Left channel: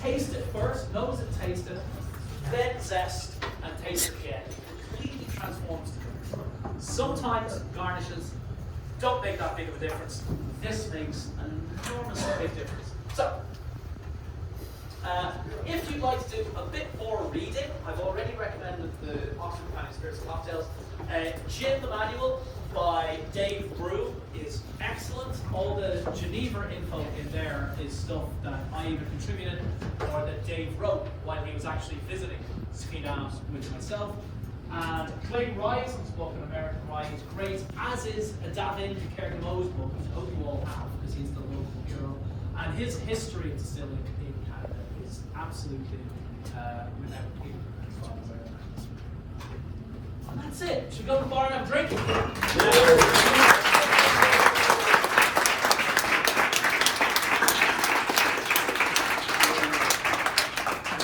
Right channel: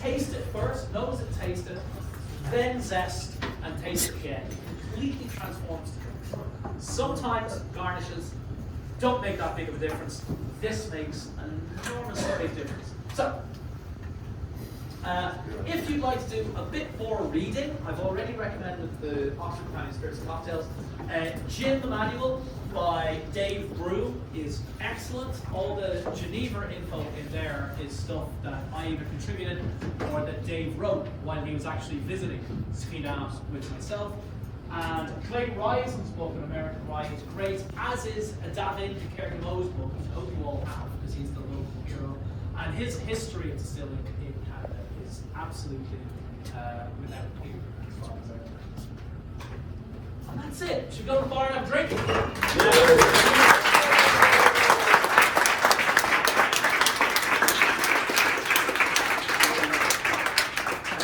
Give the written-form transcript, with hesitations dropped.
taste it first, nose it, taste it, then zest and taste it again. Completely transforms the drink. Sometimes garnishes don't make that big of a difference. This makes an enormously big difference. So, if you'd like to do a bit more reading, I've already recommended the Oxford County Spirits and Cocktails. Gin the Manual by Dave Broom is excellent. All the Geneva info in there is stuff that I either contributed or that Dave wrote when he was actually visiting Skinana with myself. And Clay Ryan's book, An American Rye, is great, as is a Davin Kerry Moe's book, which I hope you all have because he's the local hero. And his history of distilling in Canada is absolutely without peer. And that's it. Should we go to the bar and have a drink?